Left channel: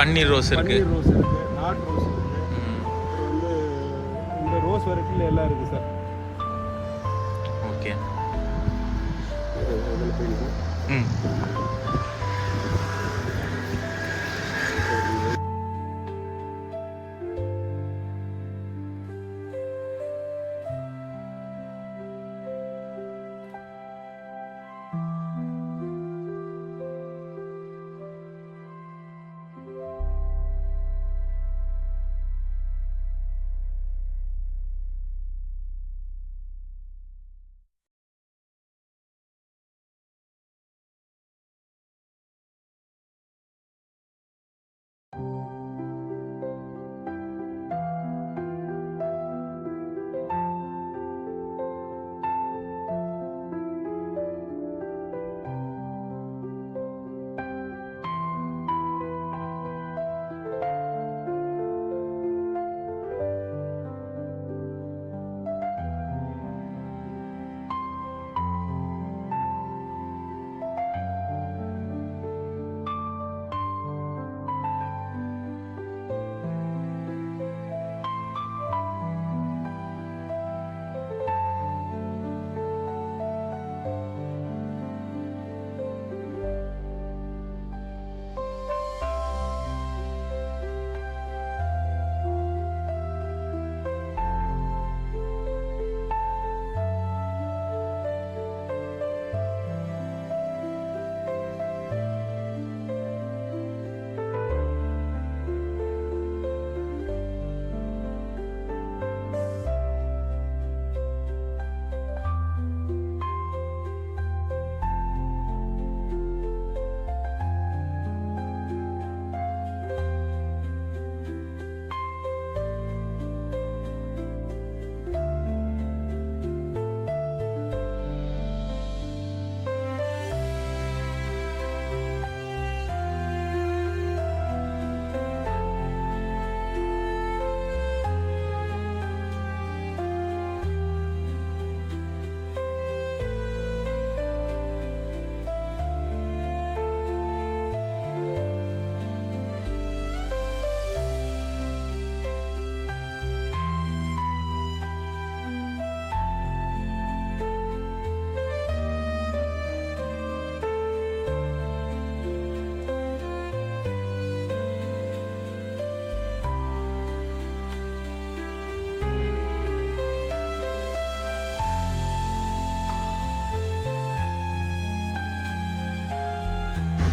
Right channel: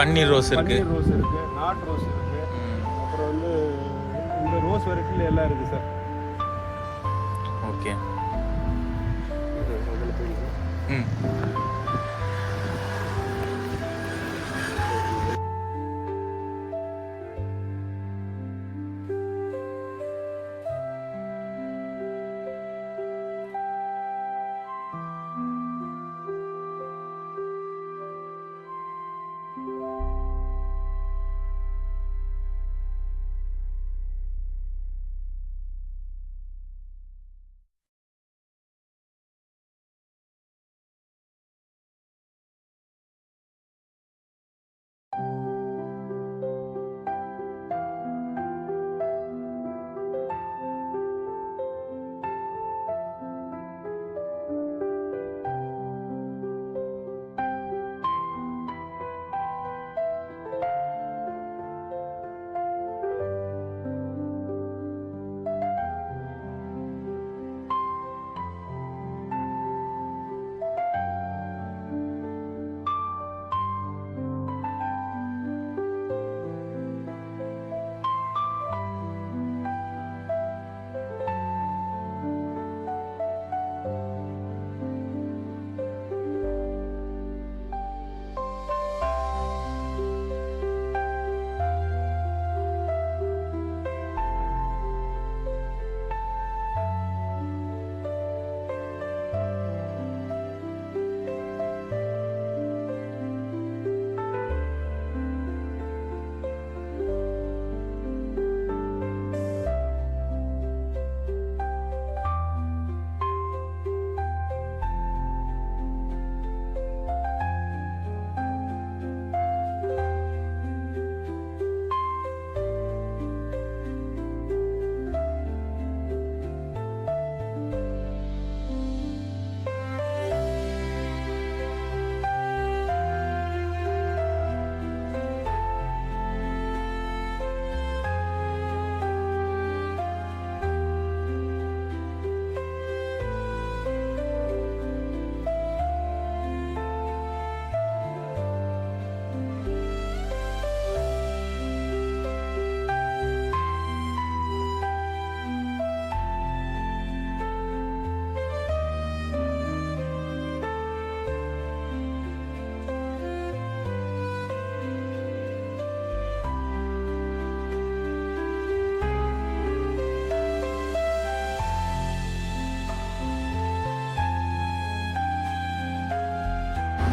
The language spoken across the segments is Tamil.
பன்னீர் ரோஸ் இருக்கு, பன்னீர் ரோஸ் இருக்கு, நாட் ரோஸ் இருக்கு. அப்புறம் வந்து இந்த ரோஸ் வெரைட்டில எல்லாம் இருக்கு சார். ஓகே. இதில் போயிடுச்சு. ம்.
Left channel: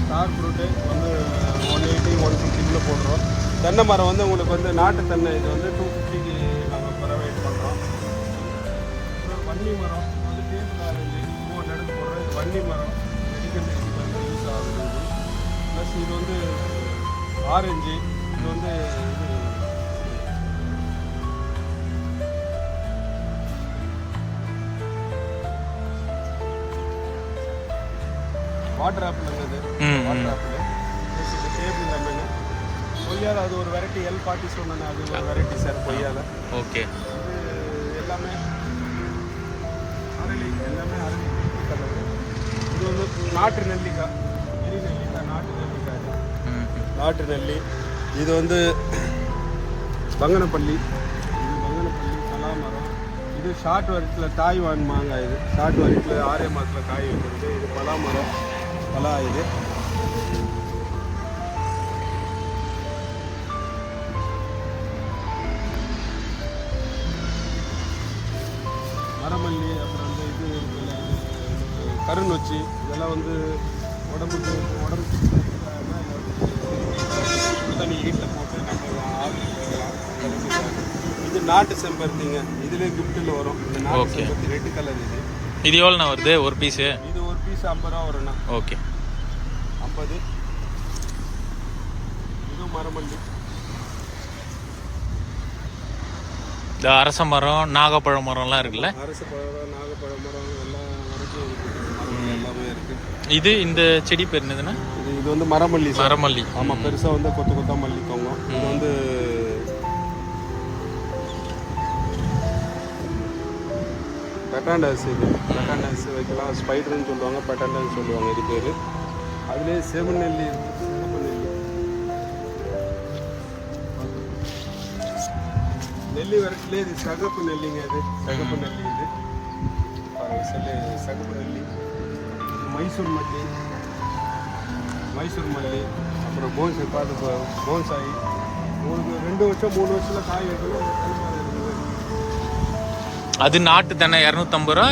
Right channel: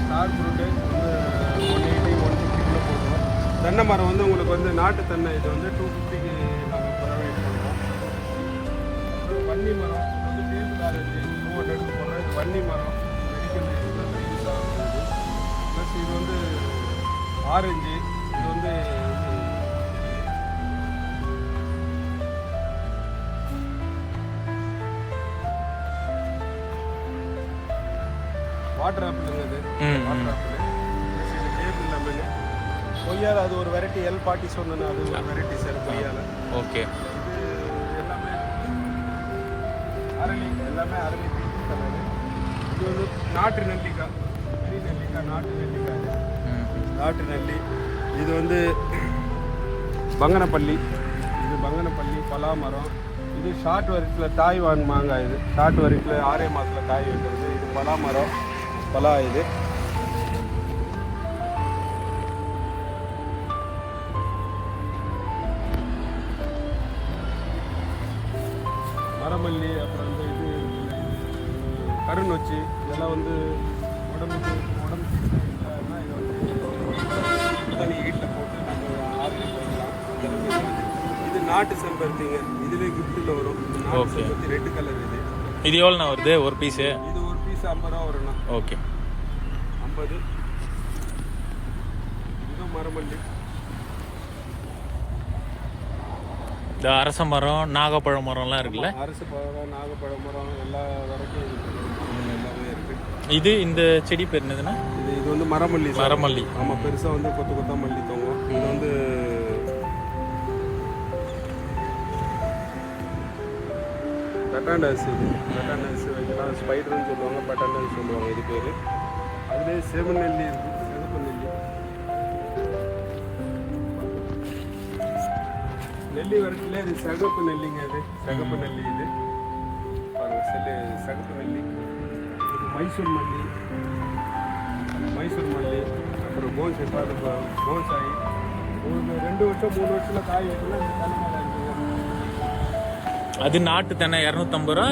ஸ்டார் ஃப்ரூட்டு வந்து 180 150 போடுறோம். தென்னை மரம் வந்து உங்களுக்கு வந்து நாட்டு தென்னை இது வந்து 250க்கு நாங்கள் ப்ரொவைட் பண்ணுறோம். அப்புறம் வன்னி மரம் இது வந்து டேபிள் ஆரஞ்சு 200க்கு போடுறோம். இது வன்னி மரம் மெடிக்கல் யூஸ் ஆகுது. இது ப்ளஸ் இது வந்து ஆரஞ்சு, இது வந்து இது வாட்டர் ஆப்பிள். இது வாட்டர் ஆப்பிள். இது டேபிள் லெமன். கொய்யால அது ஒரு வெரைட்டி L40 சொன்னேன், அது ஒரு வெரைட்டி சார் கொய்யால. ஓகே. இது எல்லாமே அரளி, எல்லாமே அரளி பிங்க் கலரு. இது வந்து நாட்டு நெல்லிக்காய். இது நெல்லிக்காய், நாட்டு நெல்லிக்காய். நாட்டு நெல்லி. இது வந்து பங்கனப்பள்ளி. இது பங்கனப்பள்ளி பலாமரம். இது ஷார்ட் வெரைட்டியில் தாய்வான் மாங்காய். இது ஷார்ட் வெரைட்டியில் 6 மாதத்தில் காய் வைக்கிறது. இது பலாமரம், பலா. இது மரமல்லி. அப்புறம் வந்து இது இருக்குல்ல, கருநொச்சி. இதெல்லாம் வந்து உடம்புக்கு தண்ணி வீட்டில் போட்டு நம்ம ஆவியில் வைக்கலாம். இது நாட்டு செம்பருத்திங்க. இதுலேயே கிஃப்ட்டில் வரும். இந்த நாட்டு செம்பருத்தி ரெட் கலர். இது எவ்வளோண்ணா வருது ஒரு பீஸு? இது ஒரு பீஸ் 50 ரூபா வரும்ண்ணா. ஓகே. 50. இது மரமல்லி. இந்த அரச மரம், நாகப்பழ மரம்லாம் இருக்குல்ல? அரசு பழம், நாகப்பழ மரம் எல்லா வரைக்கும் இருக்குது. எல்லாமே இருக்குது. இது இந்த செடி பேர் என்னதுன்னா? இது வந்து மரமல்லி. மரமல்லி. ஆமாம், பெருசாக வந்து கொத்து கொத்தா மல்லி தோங்கும். இது வந்து பெட்டாண்டஸ். இது பெட்டாண்டஸ் வைக்கலாம். ஸ்பைடர்னு சொல்லுவாங்க, பெட்டாண்டஸ் சொல்லுவாங்க. இது பேர். அதுலேயே செவநெல்லி இருக்குது, சிகப்பு நெல்லி. நெல்லி வரட்டுல இது சகப்பு நெல்லிங்க, இது சகப்பு நெல்லி. இது சகப்பு நெல்லி. இது மைசூர் மல்லி, மைசூர் மல்லி. அப்புறம் போன்சாய். 2 வருஷம் 3 வருஷத்துல காய் எடுக்கணும். இந்த தென்னை மரம் இருக்குது. அது நாட்டு தென்னை 250 ரூபா.